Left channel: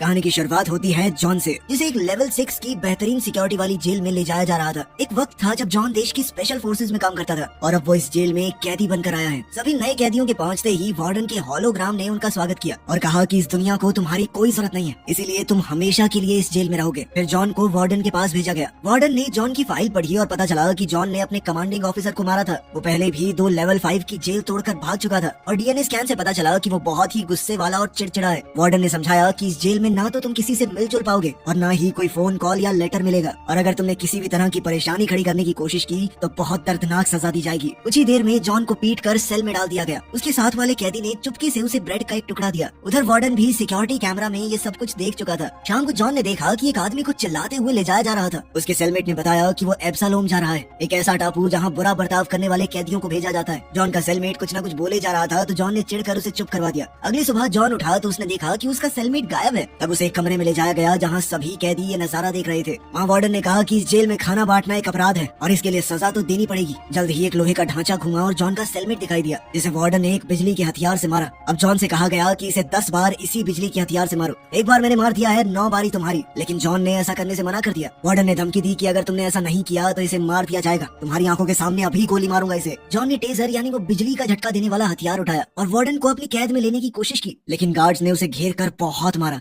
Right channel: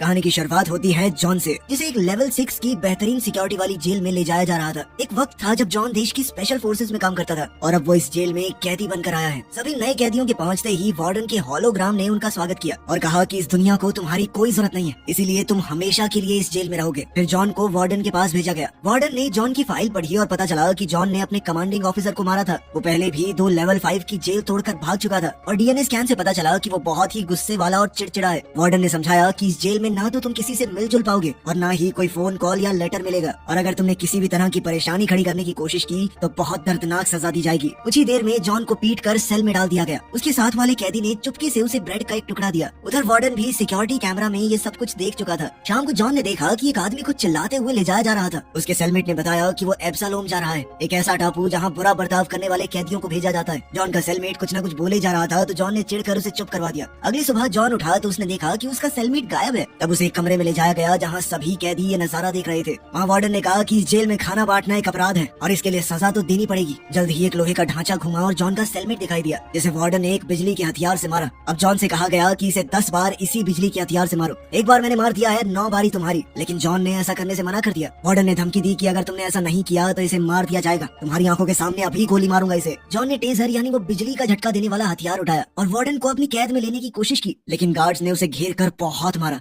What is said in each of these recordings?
कहानी की शुरुआत होती है जॉन से, जिसे एक लेवल 6 की बेहतरीन सिक्योरिटी वाली जेल में ले जाया जा रहा था। एक वक्त था जब जॉन देश की स्पेशल फोर्सेज में काम करता था और अब वो इस जेल में एक कैदी बनकर आया है। सभी नए कैदियों के पहुंचते ही वार्डन के होलोग्राम ने उनका स्वागत किया और कहा कि इस दुनिया को तुम्हारी कोई जरूरत नहीं है, इसीलिए तुम हमेशा के लिए इस जेल में रहोगे। फिर जॉन को वार्डन के पास भेजा गया। वार्डन ने जॉन की फाइल पढ़ी और पता चला कि जॉन ने अपने कमांडिंग ऑफिसर को मारा था। वो पहले भी 2 लेवल 5 की जेल तोड़कर भाग चुका था और डीएनए स्कैन से पता चला कि वो बहुत ही गुस्से वाला और चिड़चिड़ा है। वार्डन ने समझाया कि इस जेल में ना तो तुम किसी से मिलजुल पाओगे और ना ही कोई फोन कॉल या लेटर मिलेगा, और अगर तुमने किसी भी तरह की परेशानी खड़ी करने की कोशिश की तो बहुत दर्दनाक सजा दी जाएगी। कुछ ही देर में जॉन को पीट कर सेल में डाल दिया गया। उसके साथ वाले कैदी ने चुपके से उसे ब्रेड का एक टुकड़ा दिया। उधर वार्डन भी सिक्योरिटी कैमरा में ये सब कुछ देख चुका था। शाम को जॉन ने देखा कि एक आदमी को चिल्लाते हुए ले जाया जा रहा था। उसके सेलमेट ने बताया कि वो एब्सालोम जा रहा है, एक ऐसा टापू जहाँ बुरा बर्ताव करने वाले कैदियों को भेजा जाता है। जॉन का सेलमेट कुछ न कुछ बोले जा रहा था तो जॉन ने चिढ़कर उसे चुप करवा दिया। अगली सुबह जॉन उठा तो उसने देखा कि उसका सेलमेट गायब है। तब उसे एक कमरे में ले जाया गया जहाँ सभी कैदी ये नजारा देख रहे थे। वहाँ वार्डन ने कहा कि इस जेल में खाना बांटना एक अपराध है और इसके लिए सजा तो देनी पड़ेगी। जल्द ही एक लोहे का ढांचा घुमा और जॉन का सेलमेट दिखाई दिया, जिसे वार्डन ने एक बिजली के हथियार से मारा। अब जॉन से कहा गया कि इसे 10 बार इसी बिजली के हथियार से मारो। एक बार मैंने मार दिया है, 9 बारी तुम्हारी। लेकिन जॉन ने ऐसा करने से मना कर दिया। वार्डन ने धमकी दी कि अगर तुमने ऐसा नहीं किया तो इसे मार दिया जाएगा, तुम्हारी आंखों के सामने अभी गोली मारूंगा इसे। जॉन ने टेजर यानी वो बिजली का झटका देने वाला हथियार उठाया और वार्डन को अपनी कैद में लेने की कोशिश की, लेकिन गार्ड्स ने उसे घेर कर बहुत मारा।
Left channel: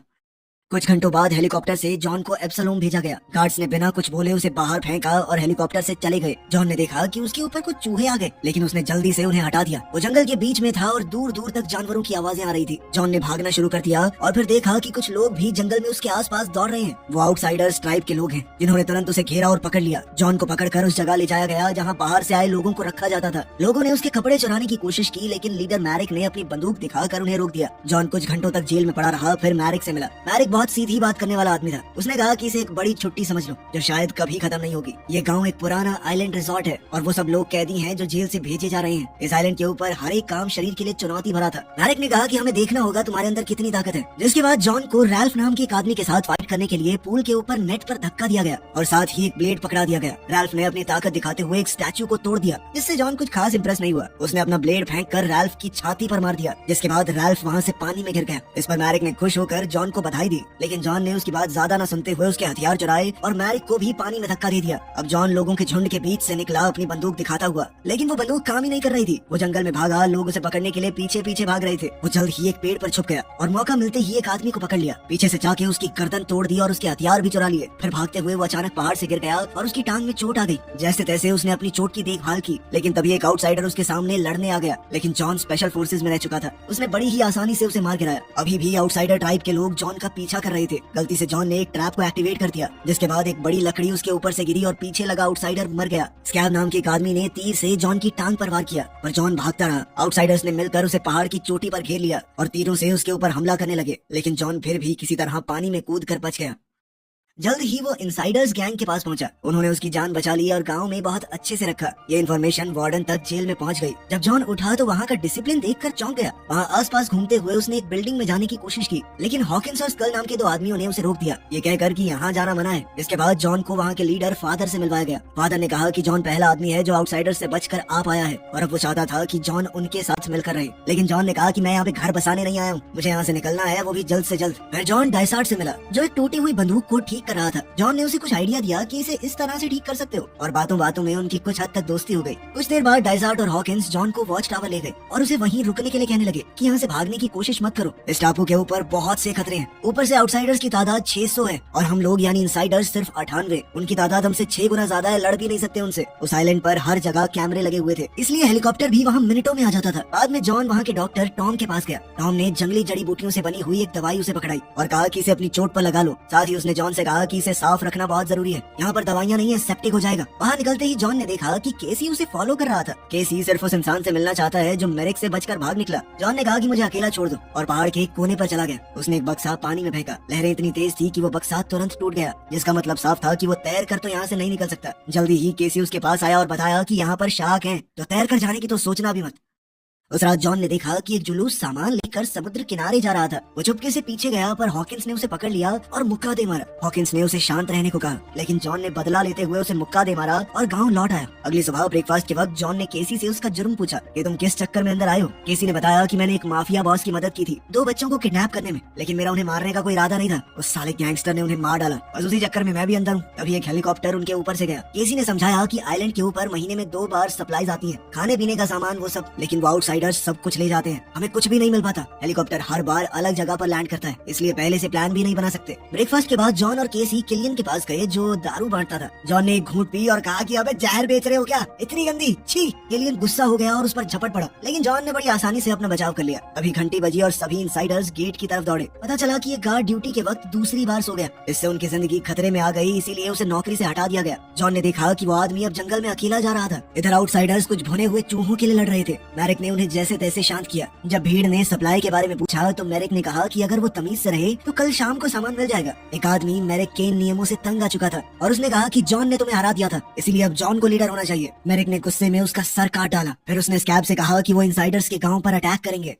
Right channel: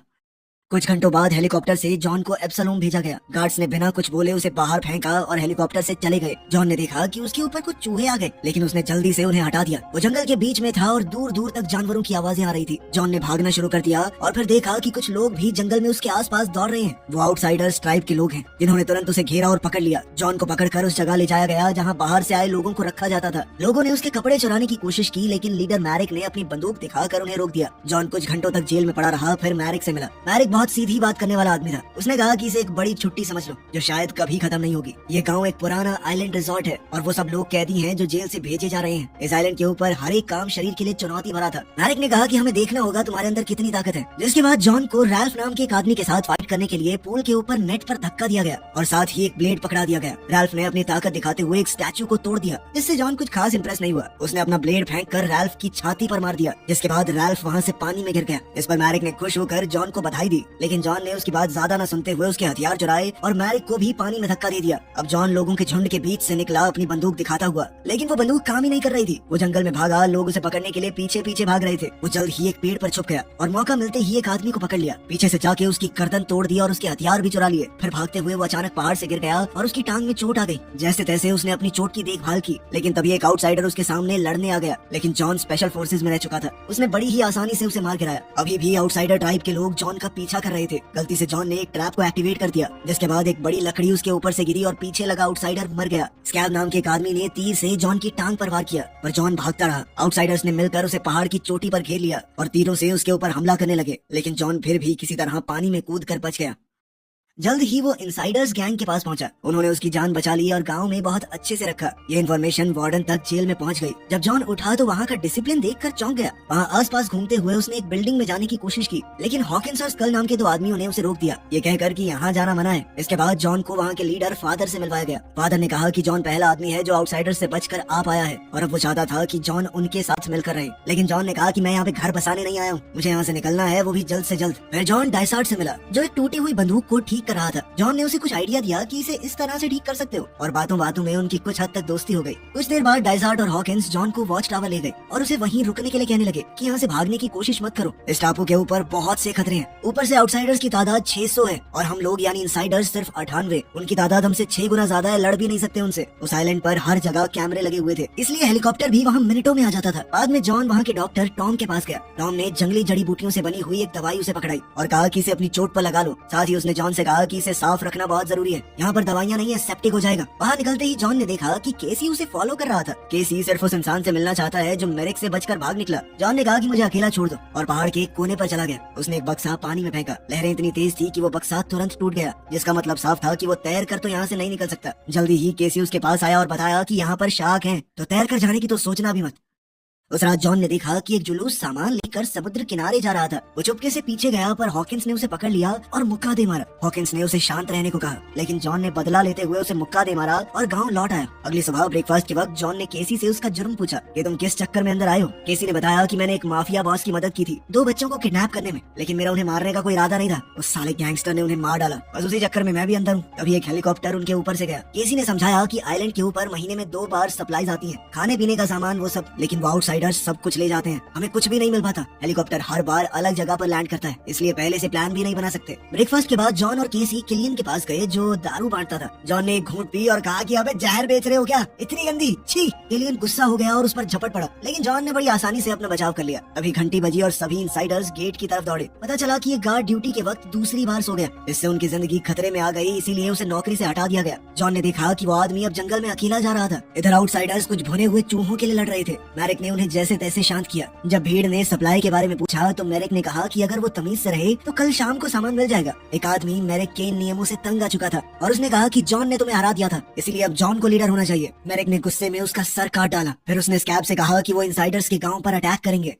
कुछ घंटों बाद हेलीकॉप्टर से जॉन को एब्सलोम भेजा गया। गार्ड्स ने बिना कुछ बोले उसे बाहर फेंका और हेलीकॉप्टर से चले गए। जॉन ने देखा कि उसके ऊपर कुछ चूहे आ गए, लेकिन उसने जल्दी से उन्हें हटा दिया। वो जंगल के बीच में था और दूर दूर तक जानवरों की आवाजें आ रही थी। जॉन ने भागना शुरू कर दिया और फिर देखा कि कुछ लोग भी जंगल में उसके आसपास दौड़ रहे हैं। वो आउटसाइडर्स ट्राइब के लोग हैं, जिन्होंने तुरंत उसे घेरा और पकड़ लिया। जॉन को पकड़कर उस जगह ले जाया गया जहाँ बाहर से आए लोगों को रखा जाता था। लोगों ने उसके कपड़े चुराने की कोशिश की, लेकिन लीडर मैरिक ने अपनी बंदूक दिखाकर उन्हें रोक दिया। जॉन कुछ घंटों तक जेल में पड़ा रहा, फिर मैरिक से मिला। मैरिक बहुत सीधी बात करने वाला आदमी था। उसने कहा कि इसे एक बड़ी छुट्टी समझ लो जो शायद कभी खत्म नहीं होगी। ये गांव एक पुराना आइलैंड रिसोर्ट है और वो सब लोग कैदी हैं जो जेल से भेजे जा रहे हैं। इस आइलैंड के ऊपर हर एक काम शरीर के लिए चुनौती भरा था। मैरिक ने कहा कि हमें देखना होगा तुम्हारे अंदर कितनी ताकत है। जिसके बाद जॉन को रैल्फ नाम के एक आदमी के साथ फाइट करने के लिए पूल के ऊपर नेट पर धक्का दिया गया और साथ ही एक ब्लेड पकड़ा दिया गया। रैल्फ ने अपनी ताकत दिखाते हुए एक स्टैचू को तोड़ दिया, जिससे जॉन कुछ खास इंप्रेस नहीं हुआ। उसने अपना ब्लेड फेंक कर रैल्फ की छाती पर मार दिया, जिसके बाद रैल्फ वहाँ से पानी में गिर गया। इस पर मैरिक ने खुश होकर जॉन को बधाई दी, लेकिन जॉन ने उसकी बात ज्यादा न सुनते हुए उसके हथियार चुराए और मैरिक को भी पानी में धक्का दे दिया। अब जॉन लोगों के झुंड के बीच से निकला अपनी बंदूक दिखाता हुआ, लेकिन वो बंदूक काम ही नहीं कर रही थी। वो जंगल में भागा, लोग उसे पकड़ने के लिए पीछे पीछे भाग रहे थे। वो जल्द ही एक पेड़ पर छुप गया और मौका मिलते ही एक आदमी को पकड़ लिया। पीछे से जाके उसकी गर्दन तोड़ दी और उसके हथियार भी चुरा लिए। फिर भागते हुए वो अचानक पहाड़ से गिर गया और उसकी टांग में चोट आ गई। जैसे तैसे उसने अपनी चोट की देखभाल की, लेकिन तभी एक आउटसाइडर उसके सामने लड़ने आ गया। लेकिन जॉन स्पेशल फोर्सेज में रह चुका था, उसने बड़ी ही आसानी से उसे मार गिराया। अभी भी आउटसाइडर ट्राइब के लोग जॉन का पीछा कर रहे थे। गलती से जॉन ने एक ट्रैप को एक्टिवेट कर दिया, जिसके बाद एक बड़ी लकड़ी उसके ऊपर से गिरी और पीछे लगा आउटसाइडर मर गया। स्कैब नाम के एक आदमी ने तीर से जॉन की टांग पर वार किया, पर जॉन भागता रहा। आउटसाइडर्स ने मिलकर उसे पहाड़ की चोटी पर घेर लिया और तीरों से उसके ऊपर हमला करने लगे, लेकिन जॉन फिर भी किसी तरह पानी में कूद कर बच गया। जल्द ही वो इनसाइडर्स गैंग के पास पहुंचा। उन्होंने उसकी जान बचा ली और गांव में बहुत अच्छे से रखा। ये इन्फॉर्मेशन वार्डन तक जेल में पहुंच गई। जब जॉन उठा तो वहाँ का डिसिप्लिन देखकर चौंक गया। वहाँ आसपास घूमते हुए उसने एक बिल्डिंग में जाने की कोशिश की, लेकिन हॉकिंस और स्कल नाम के 2 आदमियों ने उसे रोक दिया, ये कहकर कि यहाँ जाना मना है। इसके बाद जॉन को वहाँ के लीडर फादर से मिलवाया गया। फादर ने कहा कि जॉन पहला आदमी है जो आउटसाइडर से बचकर आ पाया है और अब वो चाहता था कि जॉन उनके साथ मिलकर रहे। लेकिन जॉन ने कहा कि मैं यहाँ पे घर बसाने नहीं आया हूँ, मुझे यहाँ से निकलना है, वो भी जल्द से जल्द। फिर जॉन डाइसार्ड से मिला, जो एक टूटी हुई बंदूक को ठीक कर रहा था। जॉन ने उसे कुछ आइडिया दिया कि इसे इस तरह से ठीक कर सकते हो, और बातों बातों में उनकी कुछ हद तक दोस्ती हो गई। कुछ देर बाद डाइसार्ड और हॉकिंस जॉन को वॉच टावर ले गए और उसे वहीं रुकने के लिए कहने लगे कि यहाँ से भागने की कोशिश मत करो। इस टापू के ऊपर बहुत से खतरे हैं, ऊपर से आउटसाइडर्स की तादाद 600 है और हम लोग यानी इनसाइडर्स सिर्फ 98। उनकी तादाद हमसे 6 गुना ज्यादा है, लड़ भी नहीं सकते उनसे। उस आइलैंड पर हर जगह कैमरे लगे हुए थे, इसलिए हेलीकॉप्टर भी वहाँ मिनटों में आ जाता था। बाद में जॉन वहाँ के डॉक्टर टॉम के पास गया। टॉम ने जंगली जड़ी बूटियों से बनी हुई एक दवाई उसे पकड़ाई और कहा कि इसे अपनी चोट पर लगा लो। साथ ही उसने जॉन से कहा कि इसे साफ रखना बहुत जरूरी है, यहाँ पर दवाइयाँ नहीं है, सेप्टिक हो जाएगा। बाहर निकलते ही जॉन ने देखा कि केसी उसे फॉलो कर रहा था। केसी सिर्फ उस इंसान से मिलना चाहता है जो मैरिक से बचकर भाग निकला। जॉन ने कहा कि मुझे अकेला छोड़ दो और पहाड़ के एक कोने पर चला गया। उसने एक बक्सा पानी में फेंका। लहरें इतनी तेज थी कि वो बक्सा तुरंत टूट गया, जिसका मतलब साफ था कि वो तैर कर तो यहाँ से नहीं निकल सकता। जल्दी ही केसी उसके पास आया और बताया कि यहाँ पर शार्क है, तो तैर कर जाने की तो सोचना भी मत। उस रात जॉन ने देखा कि एक जुलूस सामान लेकर समुद्र किनारे जा रहा था। वो चुपके से पीछे गया पर हॉकिंस ने उसे पकड़ लिया और मुक्का दे मारा। हॉकिंस ने उसे शांत रहने को कहा, लेकिन जॉन ने बदला लेते हुए उसे मुक्का दे मारा और गांव लौट आया। अगली सुबह ब्रेकफास्ट के वक्त जॉन ने केसी से उसका जुर्म पूछा कि तुम किस चक्कर में अंदर आए हो। केसी ने बताया कि मैंने एक माफिया बॉस की मदद की थी 2 बच्चों को किडनैप करने में, लेकिन मेरा उन्हें मारने का कोई इरादा नहीं था। उस साले गैंगस्टर ने उन्हें मार डाला, बस उसी चक्कर में मैं भी अंदर हूँ। तभी एक हेलीकॉप्टर उनके ऊपर से गया। केसी ने समझाया कि आइलैंड के ऊपर महीने में 2 बार सप्लाईज आती है, खाने पीने का सामान वो सब, लेकिन वो आउटसाइडर्स सब कुछ ले जाते हैं, हमें कुछ भी नहीं मिल पाता। हेलीकॉप्टर हर बार अलग जगह पर लैंड करता है, इसलिए पहले से प्लान भी नहीं बना सकते। ब्रेकफास्ट के बाद जॉन और केसी किलियन के पास गए जो दारू बांटता था। जॉन ने एक घूंट पी और कहा कि अबे जहर बेच रहे हो क्या, इतनी गंदी, छी। किलियन गुस्सा हो गया और उस पर झपट पड़ा, लेकिन जॉन ने बड़ी आसानी से अपना बचाव कर लिया। अभी घंटी बजी और सभी इनसाइडर्स गेट की तरफ दौड़े। पता चला कि ये गार्ड ड्यूटी के वक्त दूसरी बार सो गया। इससे उनकी जिंदगी खतरे में आ गई, इसीलिए उसे नौकरी से हटा दिया गया। जॉन ने देखा कि वो आदमी अब जंगल में अकेला जा रहा था। इधर आउटसाइडर्स कुछ भुने हुए चूहों के लिए लड़ रहे थे। मैरिक ने उन्हें जैसे तैसे शांत किया। जब भीड़ ने सप्लाई के बारे में पूछा तो मैरिक ने कहा कि अगर वो तमीज से रहे तो कल शाम को सामान मिल जाएगा। एक आदमी मैरिक के नियमों से तंग आ चुका था और उसने कहा कि जॉन ने तुम्हें हरा दिया था, इसीलिए अब जॉन को लीडर होना चाहिए। मैरिक ने गुस्से में उसका सर काट डाला। फिर उसने स्कैब से कहा कि वो इनसाइडर्स के गांव पर अटैक करेंगे।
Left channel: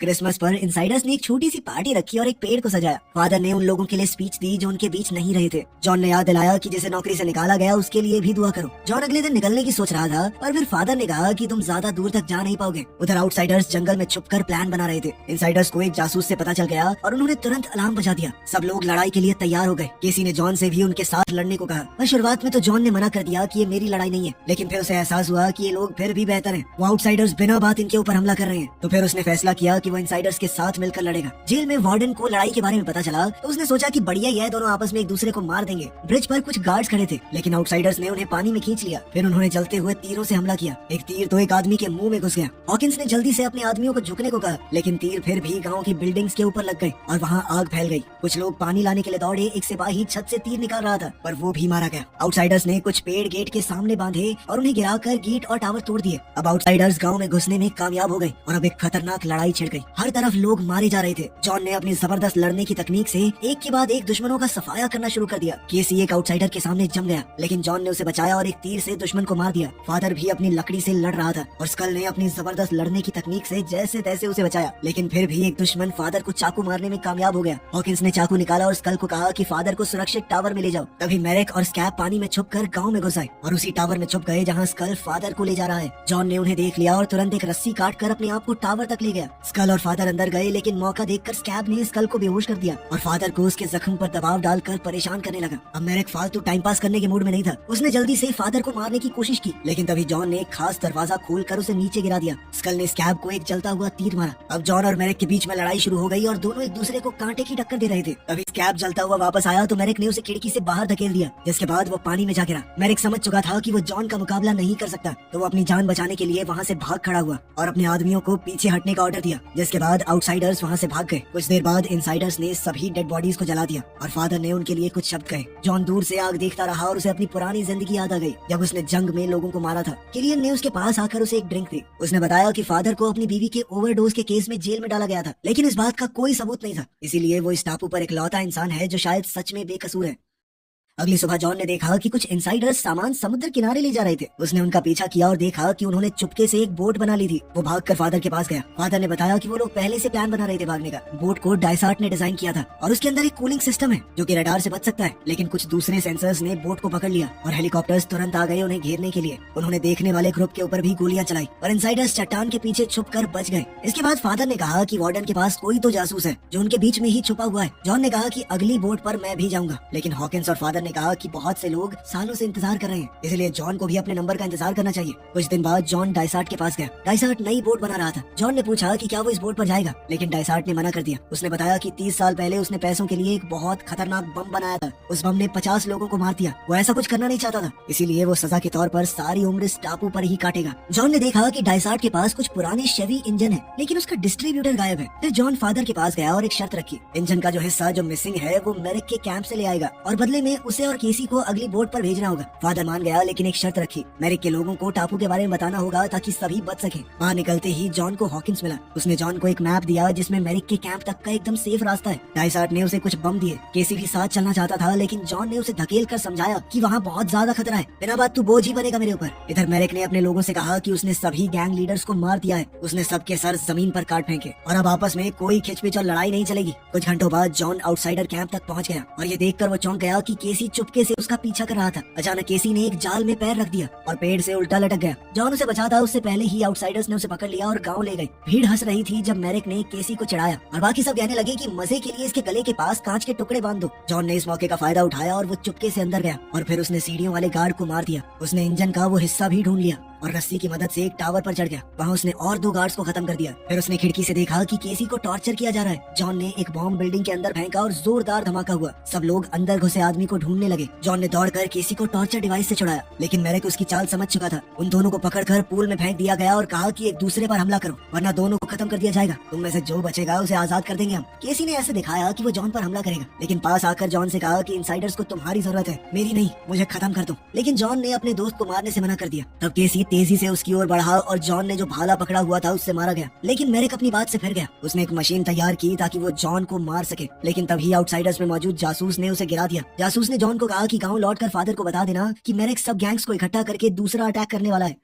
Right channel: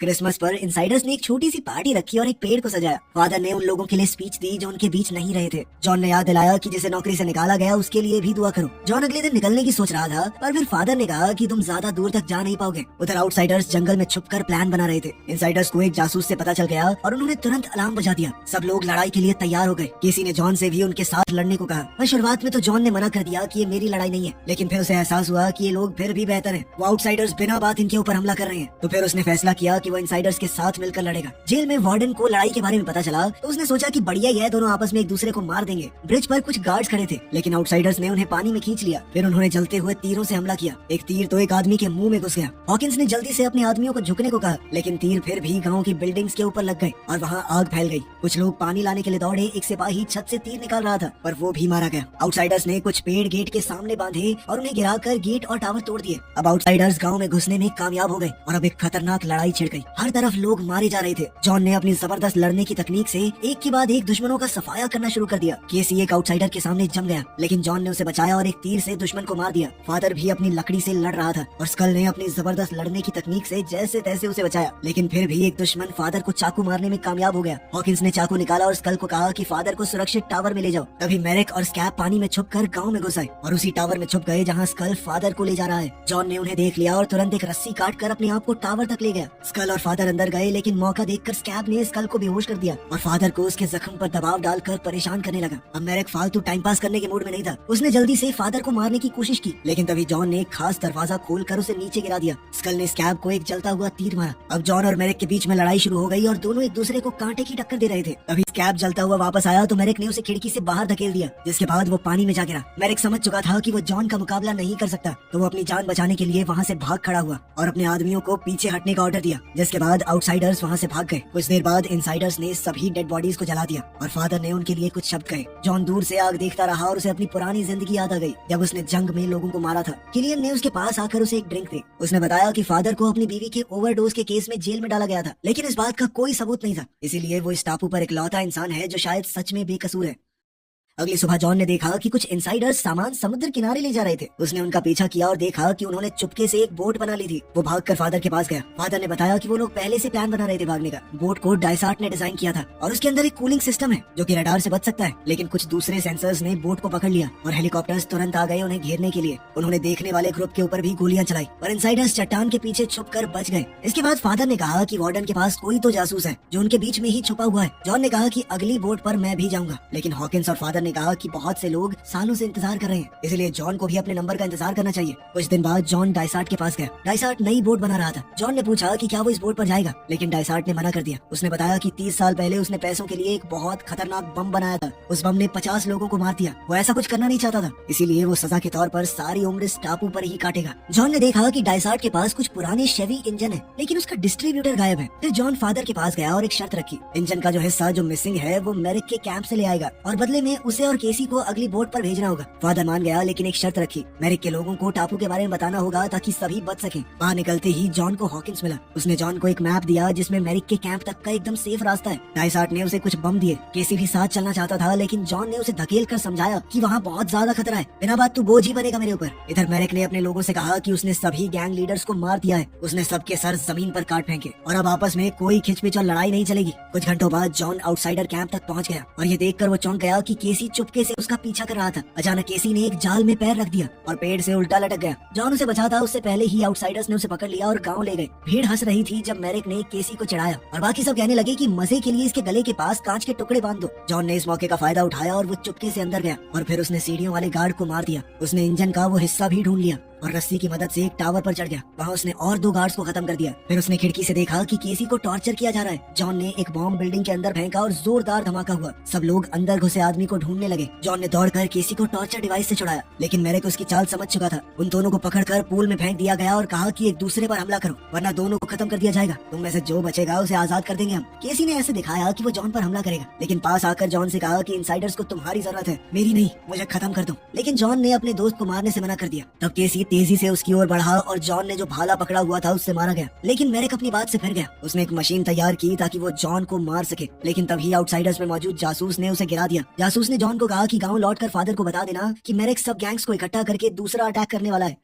क्रिसमस पर इनसाइडर्स ने एक छोटी सी पार्टी रखी और एक पेड़ को सजाया। फादर ने उन लोगों के लिए स्पीच दी जो उनके बीच नहीं रहे थे। जॉन ने याद दिलाया कि जिसे नौकरी से निकाला गया उसके लिए भी दुआ करो। जॉन अगले दिन निकलने की सोच रहा था, पर फिर फादर ने कहा कि तुम ज्यादा दूर तक जा नहीं पाओगे। उधर आउटसाइडर्स जंगल में छुपकर प्लान बना रहे थे। इनसाइडर्स को एक जासूस से पता चल गया और उन्होंने तुरंत अलार्म बजा दिया। सब लोग लड़ाई के लिए तैयार हो गए। किसी ने जॉन से भी उनके साथ लड़ने को कहा, पर शुरुआत में तो जॉन ने मना कर दिया कि ये मेरी लड़ाई नहीं है, लेकिन फिर उसे एहसास हुआ कि ये लोग फिर भी बेहतर हैं। वो आउटसाइडर्स बिना बात इनके ऊपर हमला कर रहे हैं। तो फिर उसने फैसला किया कि वो इनसाइडर्स के साथ मिलकर लड़ेगा। जेल में वार्डन को लड़ाई के बारे में पता चला तो उसने सोचा कि बढ़िया ही है, दोनों आपस में एक दूसरे को मार देंगे। ब्रिज पर कुछ गार्ड्स खड़े थे, लेकिन आउटसाइडर्स ने उन्हें पानी में खींच लिया। फिर उन्होंने जलते हुए तीरों से हमला किया। एक तीर तो एक आदमी के मुंह में घुस गया। हॉकिंस ने जल्दी से अपने आदमियों को झुकने को कहा, लेकिन तीर फिर भी गाँव की बिल्डिंग्स के ऊपर लग गए और वहाँ आग फैल गई। कुछ लोग पानी लाने के लिए दौड़े। एक सिपाही छत से तीर निकाल रहा था, पर वो भी मारा गया। आउटसाइडर्स ने कुछ पेड़ गेट के सामने बांधे और उन्हें गिराकर गेट और टावर तोड़ दिए। अब आउटसाइडर्स गाँव में घुसने में कामयाब हो गए और अब एक खतरनाक लड़ाई छिड़ गई। हर तरफ लोग मारे जा रहे थे। जॉन ने अपनी जबरदस्त लड़ने की तकनीक से एक के बाद एक दुश्मनों का सफाया करना शुरू कर दिया। केसी एक आउटसाइडर के सामने जम गया, लेकिन जॉन ने उसे बचाया और एक तीर से दुश्मन को मार दिया। फादर भी अपनी लकड़ी से लड़ रहा था और स्कल ने अपनी जबरदस्त लड़ने की तकनीक से जैसे तैसे उसे बचाया, लेकिन फिर भी एक दुश्मन फादर को चाकू मारने में कामयाब हो गया। हॉकिंस ने चाकू निकाला और स्कल को कहा कि फादर को सुरक्षित टावर में ले जाओ। तभी मैरिक और स्कैब पानी में छुपकर गाँव में घुस आए और उसी टावर में छुप गए जहाँ स्कल फादर को ले जा रहा है। जॉन ने उन्हें देख लिया और तुरंत एक रस्सी काट कर अपने आप को टावर तक ले गया। स्कल और फादर अंदर गए, लेकिन मौका देखकर स्कैब ने स्कल को बेहोश कर दिया और फादर को उसके जख्म पर दबाव डालकर परेशान करने लगा। अब मैरिक फालतू टाइम पास करने के मूड में नहीं था। उसने जल्दी से फादर को मारने की कोशिश की, लेकिन तभी जॉन ने एक खास दरवाजा खोलकर उसे नीचे गिरा दिया। स्कल ने स्कैब को एक जलता हुआ तीर मारा। अब जॉन और मैरिक के बीच में लड़ाई शुरू हो गई और दोनों एक दूसरे को कांटे की टक्कर दे रहे थे। तभी स्कैब जलता हुआ वापस आया तो मैरिक ने उसे खिड़की से बाहर धकेल दिया, जिसके बाद वो पानी में जा गिरा। मैरिक समझ चुका था कि वो जॉन का मुकाबला नहीं कर सकता, तो वो अपनी जान बचाने के लिए वहाँ से भाग खड़ा हुआ और अपने आदमियों को पीछे हटने का ऑर्डर दिया, जिसके बाद आउटसाइडर्स वहाँ से भाग गए। कुछ देर बाद इनसाइडर्स ने सभी डेड बॉडीज को जला दिया और फादर ने उनके लिए कुछ शब्द कहे। जॉन दूर से आग देखता रहा और उसे अपनी पुरानी जिंदगी याद आ गई, जब उसने जंग में लोगों को मारा था। किलियन ने उसके पास आकर उसे एक ड्रिंक दी। उसने बताया कि फादर को अपनी बीवी के ओवरडोज के केस में जेल में डाला गया था, लेकिन इस बात का कोई सबूत नहीं था, इसीलिए वो इस टापू पर इकलौता इंसान है जो शायद सच में बेकसूर है। अगली सुबह जॉन ने देखा कि कुछ इनसाइडर्स सामान समुद्र किनारे ले जा रहे थे। उसने उनका पीछा किया और देखा कि उन्होंने चुपके से एक बोट बना ली थी। वो भागकर फादर के पास गया। फादर ने बताया कि वो लोग पहले से प्लान बना रहे थे भागने का। बोट को डायसार्ट ने डिजाइन किया था और उसके अंदर एक कूलिंग सिस्टम है जो कि रडार से बच सकता है, लेकिन कुछ दूसरे सेंसर्स ने बोट को पकड़ लिया और हेलीकॉप्टर्स तुरंत आ गए उन्हें घेरने के लिए। उन्होंने देखने वाले ग्रुप के ऊपर भी गोलियां चलाई और इनसाइडर्स चट्टान के पीछे छुपकर बच गए। इसके बाद फादर ने कहा कि वार्डन के पास कोई तो जासूस है जो उनके बीच में ही छुपा हुआ है। जॉन ने कहा कि अगली बोट पर मैं भी जाऊंगा, लेकिन हॉकिंस और फादर ने कहा कि बहुत से लोग सालों से इंतजार कर रहे हैं, इसलिए जॉन को भी अपने नंबर का इंतजार करना चाहिए। कुछ दिन बाद जॉन डायसार्ट के पास गया। डायसार्ट नई बोट बना रहा था। जॉन ने पूछा कि क्या वो इस बोट पर जाएगा, लेकिन डायसार्ट ने मना कर दिया। उसने बताया कि 30 साल पहले उसने पैसों के लिए एक बहुत खतरनाक बम बनाया था। उस बम ने 50 लोगों को मार दिया। वो ऐसा कुछ करना नहीं चाहता था, इसीलिए वो सजा के तौर पर सारी उम्र इस टापू पर ही काटेगा। जॉन ने देखा कि डायसार्ट के पास कुछ पुराने शेवी इंजन है, लेकिन उसका डिस्ट्रीब्यूटर गायब है। फिर जॉन फादर के पास गया और एक शर्त रखी, इंजन का जो हिस्सा जो मिसिंग है वो मैरिक के कैंप से ले आएगा और बदले में उसे और केसी को अगली बोट पर भेजना होगा। फादर मान गया, लेकिन एक शर्त रखी, मैरिक के लोगों को टापू के बारे में बताना होगा ताकि सभी बच सके। बाहर निकलते ही जॉन को हॉकिंस मिला। उसने जॉन को एक मैप दिया जिसमें मैरिक के कैंप तक का एकदम सेफ रास्ता है। डाइसार्ट ने उसे कुछ बम दिए। केसी भी साथ चलना चाहता था, लेकिन जॉन ने उसे धकेल कर समझाया कि वहाँ बहुत ज्यादा खतरा है, बिना बात तू बोझ ही बनेगा मेरे ऊपर। इधर मैरिक ने अपने लोगों से कहा कि उसने सभी गैंग लीडर्स को मार दिया है। उसने सबके सर जमीन पर काट फेंके और अब आपस में कोई खिंचपिच और लड़ाई नहीं चलेगी। कुछ घंटों बाद जॉन आउटसाइडर कैंप तक पहुंच गया और ये देखकर वो चौंक गया कि केसी चुपके से उसका पीछा कर रहा था। अचानक केसी ने एक जाल में पैर रख दिया और पेड़ से उल्टा लटक गया। जॉन उसे बचा था, उससे पहले ही आउटसाइडर्स ने उसे पकड़ लिया और गाँव ले गए। भीड़ हंस रही थी जब मैरिक ने केसी को चढ़ाया और बाकी सब कहने लगे कि मजे के लिए इसके गले के पास कांच के टुकड़े बांध दो। जॉन ने इस मौके का फायदा उठाया और वो चुपके से अंदर गया और फिर उसने सीढ़ियों वाले गार्ड को मार दिया। उसने इंजन का वो हिस्सा भी ढूंढ लिया और रस्सी की मदद से एक टावर पर चढ़ गया। वहाँ उसने और 2 गार्ड्स को खत्म कर दिया। फिर उसने खिड़की से देखा कि केसी को टॉर्चर किया जा रहा है। जॉन ने एक बॉम्ब बिल्डिंग के अंदर फेंका और जोरदार धमाका हुआ। सब लोग अंदर घुसे आदमी को ढूंढने लगे। जॉन ने दौड़कर केसी को टॉर्चर डिवाइस से छुड़ाया, लेकिन मैरिक उसकी चाल समझ चुका था। उन दोनों को पकड़कर पूल में फेंक दिया गया और कहा कि एक दूसरे पर हमला करो वरना दोनों को खत्म कर दिया जाएगा। तुम में से जो बचेगा उसे आजाद कर देंगे हम। केसी ने ऐसे दिखाया कि वो जॉन पर हमला करेगा, लेकिन पास आकर जॉन से कहा कि इनसाइडर्स को तुम्हारी जरूरत है, मेरी नहीं, मुझे खत्म कर दो। लेकिन जॉन ने अपने दोस्त को मारने से मना कर दिया। तब केसी तेजी से उसकी ओर बढ़ा और जॉन ने जो भाला पकड़ा हुआ था उससे मारा गया। लेकिन मैरिक अपनी बात से फिर गया। उसने एक मशीन तैयार की ताकि वो जॉन को मार सके, लेकिन तभी आउटसाइडर्स में मौजूद जासूस ने उसे गिरा दिया। जासूस ने जॉन को कहा कि गांव लौटकर फादर को बता देना कि मैरिक सब गैंग्स को इकट्ठा करके दूसरा अटैक करने वाला है।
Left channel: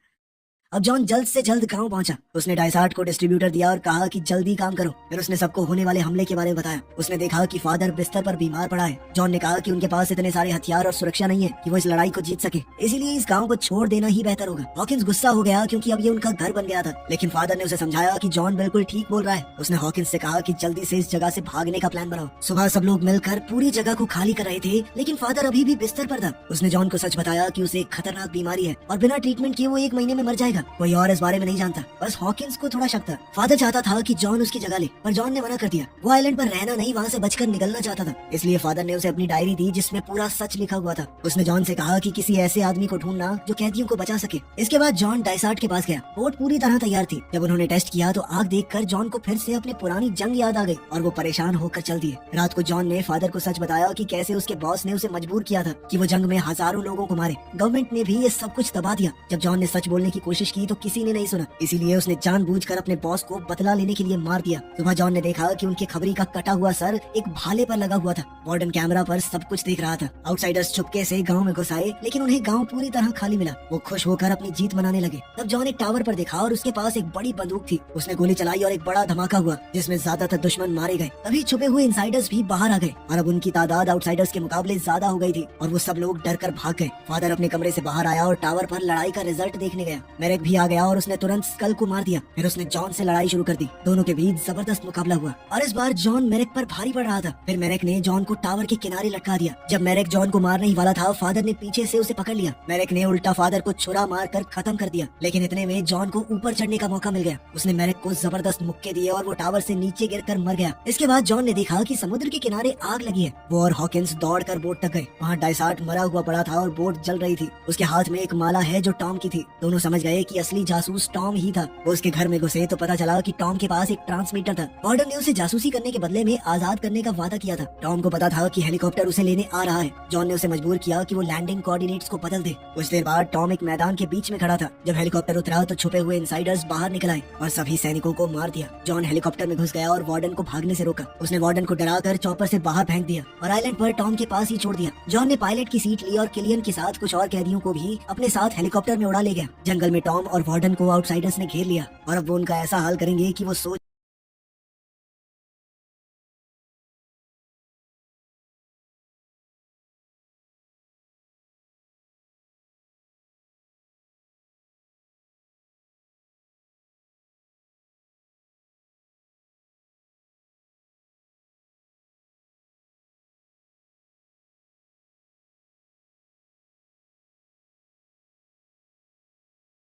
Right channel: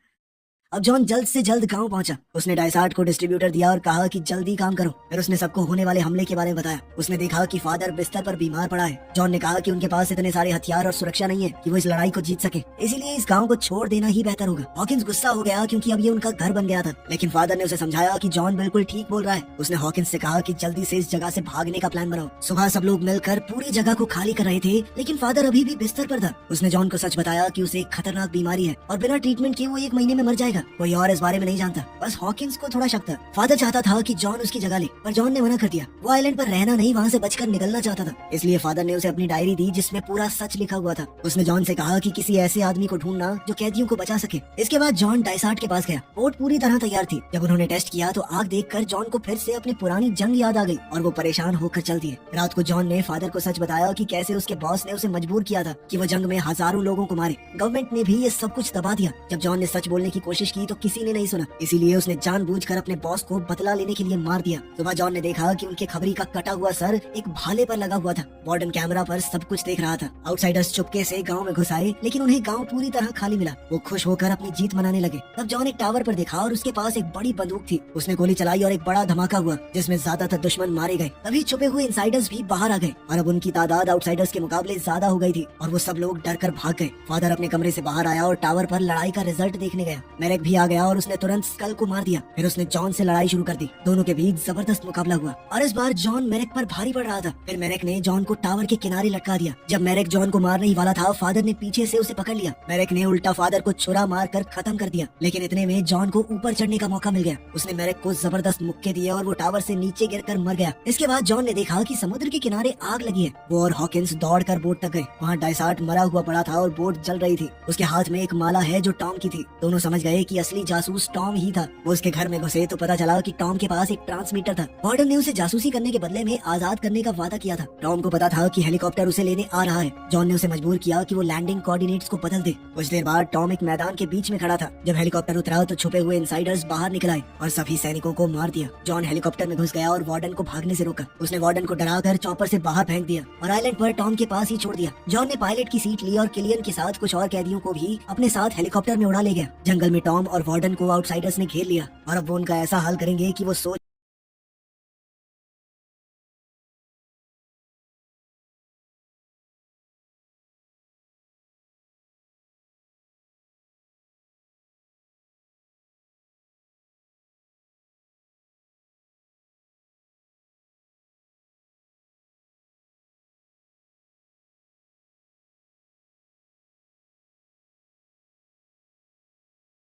अब जॉन जल्द से जल्द गांव पहुंचा। उसने डाइसार्ट को डिस्ट्रीब्यूटर दिया और कहा कि जल्दी काम करो। फिर उसने सबको होने वाले हमले के बारे में बताया। उसने देखा कि फादर बिस्तर पर बीमार पड़ा है। जॉन ने कहा कि उनके पास इतने सारे हथियार और सुरक्षा नहीं है कि वो इस लड़ाई को जीत सके, इसीलिए इस गांव को छोड़ देना ही बेहतर होगा। हॉकिंस गुस्सा हो गया क्योंकि अब ये उनका घर बन गया था, लेकिन फादर ने उसे समझाया कि जॉन बिल्कुल ठीक बोल रहा है। उसने हॉकिंस से कहा कि जल्दी से इस जगह से भागने का प्लान बनाओ। सुबह सब लोग मिलकर पूरी जगह को खाली कर रहे थे, लेकिन फादर अभी भी बिस्तर पर था। उसने जॉन को सच बताया कि उसे एक खतरनाक बीमारी है और बिना ट्रीटमेंट किए वो 1 महीने में मर जाएगा। कोई और इस बारे में नहीं जानता, बस हॉकिंस को थोड़ा शक था। फादर चाहता था कि जॉन उसकी जगह ले, पर जॉन ने मना कर दिया। वो आइलैंड पर रहना नहीं, वहाँ से बचकर निकलना चाहता था। इसलिए फादर ने उसे अपनी डायरी दी जिसमें पूरा सच लिखा हुआ था। उसने जॉन से कहा कि किसी ऐसे आदमी को ढूंढना जो कैदियों को बचा सके। इसके बाद जॉन डाइसार्ट के पास गया। बोट पूरी तरह तैयार थी। जब उन्होंने टेस्ट किया तो आग देखकर जॉन को फिर से अपनी पुरानी जंग याद आ गई और वो परेशान होकर चल दिए। रात को जॉन ने फादर को सच बताया कि कैसे उसके बॉस ने उसे मजबूर किया था कि वो जंग में हजारों लोगों को मारे। गवर्नमेंट ने भी ये सब कुछ दबा दिया। जब जॉन ने सच बोलने की कोशिश की तो किसी ने नहीं सुना, इसीलिए उसने जानबूझकर अपने बॉस को बदला लेने के लिए मार दिया। सुबह जॉन ने देखा कि उनके खबरी का कटा हुआ सर एक भाले पर लगा हुआ था। वार्डन कैमरा पर सब कुछ देख रहा था। आउटसाइडर्स चुपके से गांव में घुस आए, लेकिन उन्हें गांव पूरी तरह खाली मिला। वो खुश होकर अपनी जीत मनाने लगे। तब जॉन एक टावर पर देखा और उसके पास एक बड़ी बंदूक थी। उसने गोली चलाई और एक बड़ा धमाका हुआ जिसमें ज्यादातर दुश्मन मारे गए। तभी छुपे हुए इनसाइडर्स भी बाहर आ गए और अब उनकी तादाद आउटसाइडर्स के मुकाबले ज्यादा हो गई थी और वो सब लोग डर कर भाग गए। फादर अपने कमरे से बाहर आया और टावर पर लड़ाई का रिजल्ट देखने गया। मैरिक भी आ गया और उसने तुरंत स्कल को मार दिया। फिर उसने जॉन से लड़ाई शुरू कर दी। दोनों के बीच जबरदस्त मुकाबला हुआ और इस बार जॉन मैरिक पर भारी पड़ रहा था। फिर मैरिक ने जॉन को टावर के किनारे लटका दिया। जब मैरिक जॉन को मारने ही वाला था, फादर ने पीछे से उसे पकड़ लिया। मैरिक ने उल्टा फादर को छुरा मार कर खत्म कर दिया, लेकिन इतने में जॉन को ऊपर चढ़ने का मौका मिल गया। उसने मैरिक को जबरदस्त मुक्के दिए और वो टावर से नीचे गिरकर मर गया। इसके बाद जॉन ने देखा कि समुद्र के किनारे आग लगी है। वो और हॉकिंस दौड़कर बोट तक गए। वहाँ डाइसार्ट मरा हुआ पड़ा था और बोट जल रही थी। उसके हाथ में एक माला है जो टॉम की थी। दोनों समझ गए कि असली जासूस टॉम ही था। वो उसके घर में घुसे तो पता चला कि टॉम के पास एक ट्रांसमीटर था। वार्डन ने उसे जासूसी करने के बदले में आजाद करने का वादा किया था। टॉम को पता था कि हेलीकॉप्टर उसे लेने आ रहा है। जॉन ने उसे मजबूर किया कि वो लैंडिंग कोऑर्डिनेट्स को बदल दे। कुछ देर बाद टॉम एक मैदान के बीच में खड़ा था। जब हेलीकॉप्टर उतरा तो छुपे हुए इनसाइडर्स बाहर निकल आए और सभी सैनिकों को मार दिया। जॉन हेलीकॉप्टर में घुस गया और वार्डन को भागने से रोका। उसने वार्डन को डराकर चॉपर से बाहर फेंक दिया और आइलैंड पर टॉम के पास ही छोड़ दिया। जॉन ने पायलट की सीट ली और किलियन के साथ कुछ और कैदियों को भी अपने साथ हेलीकॉप्टर में उड़ा ले गया। जंगल में टॉम और वार्डन को आउटसाइडर्स ने घेर लिया और अब वो उनका ऐसा हाल करेंगे कि वो सोच